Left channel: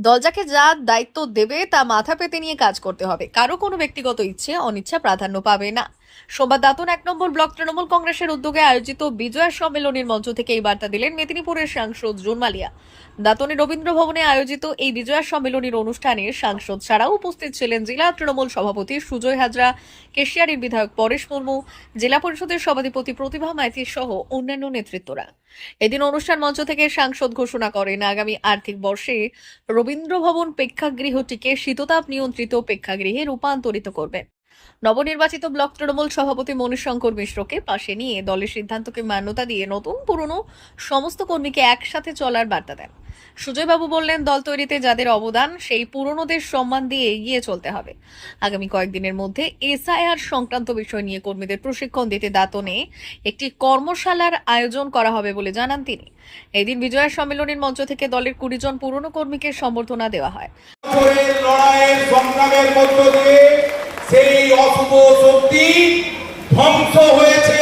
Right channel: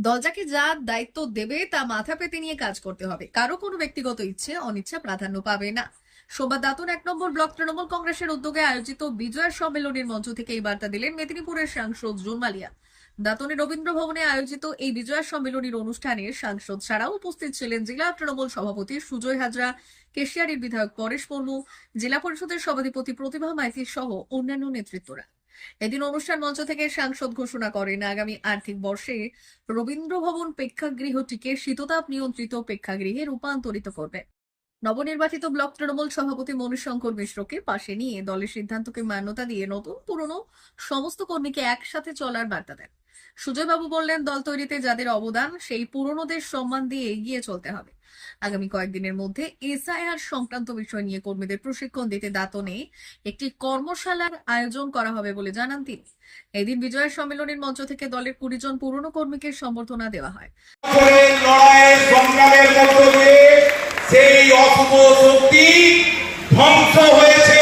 দল যাকে যা দায়িত্ব দেবে তা মাথা পেতে নিয়ে কাজ করতে হবে। কারও কোনো ব্যক্তিগত ইচ্ছে, অনিচ্ছা, প্রাধান্য পাবে না। সোমবার দাতন এক নম্বর ব্লক তৃণমূল কংগ্রেসের উদ্যোগে আয়োজিত বিজয়া সম্মেলনের মঞ্চ থেকে এই বার্তা দিলেন মেদিনীপুরের সাংসদ জুন মালিয়া দাতনে রবীন্দ্র ভবনে আয়োজিত এই বিজয়া সম্মেলনের অনুষ্ঠানে সাংসদ ছাড়াও উপস্থিত ছিলেন জেলা তৃণমূল সভাপতি সুজয় হাজরা, কেশিয়ারির বিধায়ক পরেশ মুর্মু, জেলা পরিষদের সভাধিপতি প্রতিভা মাইতি সহ অন্যান্য নেতৃত্বরা। এদিন অনুষ্ঠান মঞ্চ থেকে সাংসদ ঘোষণা করেন, আগামী আর্থিক বর্ষে রবীন্দ্র ভবন প্রেক্ষাগৃহটিকে শীততাপ নিয়ন্ত্রিত প্রেক্ষাগৃহে রূপান্তরিত করবেন। নবনির্বাচিত ব্লক তৃণমূল সভাপতি মনীষ শঙ্কর মিশ্রকে পাশে নিয়ে দলের সিদ্ধান্তকে মান্যতা দিয়ে নতুন পুরনো সমস্ত কর্মীকে একসাথে চলার বার্তা দেন। সুজয়বাবু বললেন, দল তৈরিতে যাদের অবদান, সেই পুরনোদের সম্মান দিয়ে এগিয়ে চলতে হবে। আগামী কয়েকদিনের মধ্যে এসআইআর সংক্রান্ত বিষয় নিয়ে কর্মীদের প্রশিক্ষণ দিতে দাতনে একটি কর্মশালার আয়োজন করা হবে বলে জানান তিনি। এদিন বিজয়া সম্মেলনের মঞ্চ থেকে দলের কুড়ি জন পুরনো কর্মীকে সম্বর্ধনা দেওয়া হয় বছরের লড়াইয়ের সংগ্রামের মধ্য দিয়ে সেই অশুভ শক্তি ধ্বংস হয়েছে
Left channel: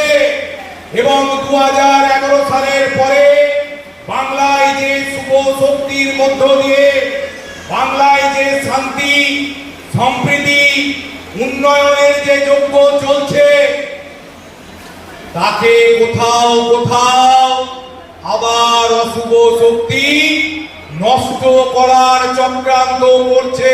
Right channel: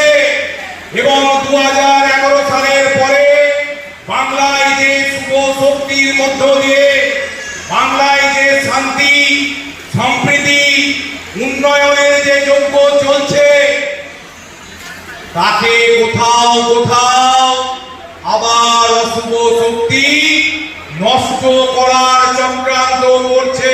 এবং দু সালের পরে বাংলায় যে শুভ শক্তির মধ্য দিয়ে বাংলায় যে শান্তি, সম্প্রীতি, উন্নয়নের যে যজ্ঞ চলছে, তাকে কোথাও কোথাও আবার অশুভ শক্তি নষ্ট করার চক্রান্ত করছে।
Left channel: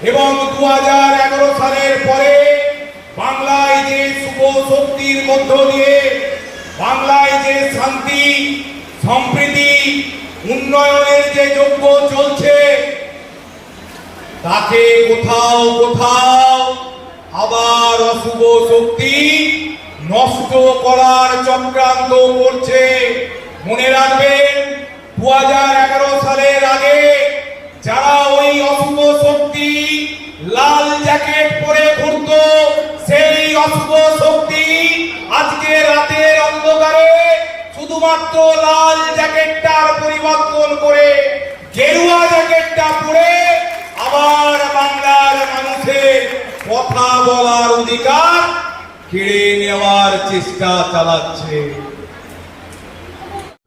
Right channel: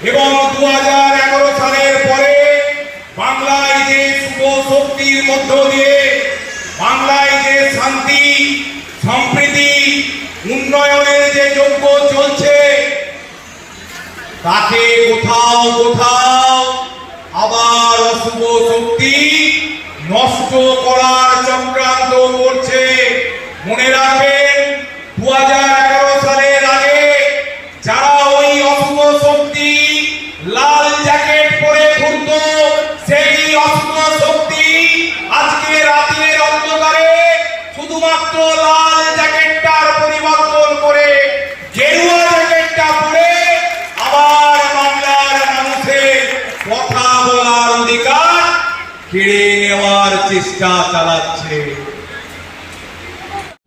এবং দু হাজার এগারো সালের পরে বাংলায় যে শুভ শক্তির মধ্য দিয়ে বাংলায় যে শান্তি, সম্প্রীতি, উন্নয়নের যে যোগ্য চলছে, তাকে কোথাও কোথাও আবার অশুভ শক্তি নষ্ট করার চক্রান্ত করছে। মনে রাখবেন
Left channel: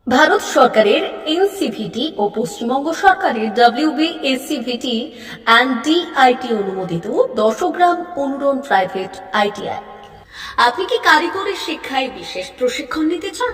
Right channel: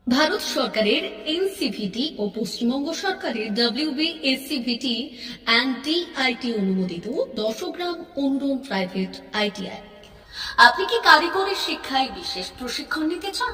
ভারত সরকারের এনসিভিটি ও পশ্চিমবঙ্গ সরকারের ডাব্লিউবি এসসিভিটি অ্যান্ড ডিআইটি অনুমোদিত দশগ্রাম অনুরণ প্রাইভেট আইটিআই আপনি কি কারিগরি শিক্ষায় বিশেষ প্রশিক্ষণ নিতে চান?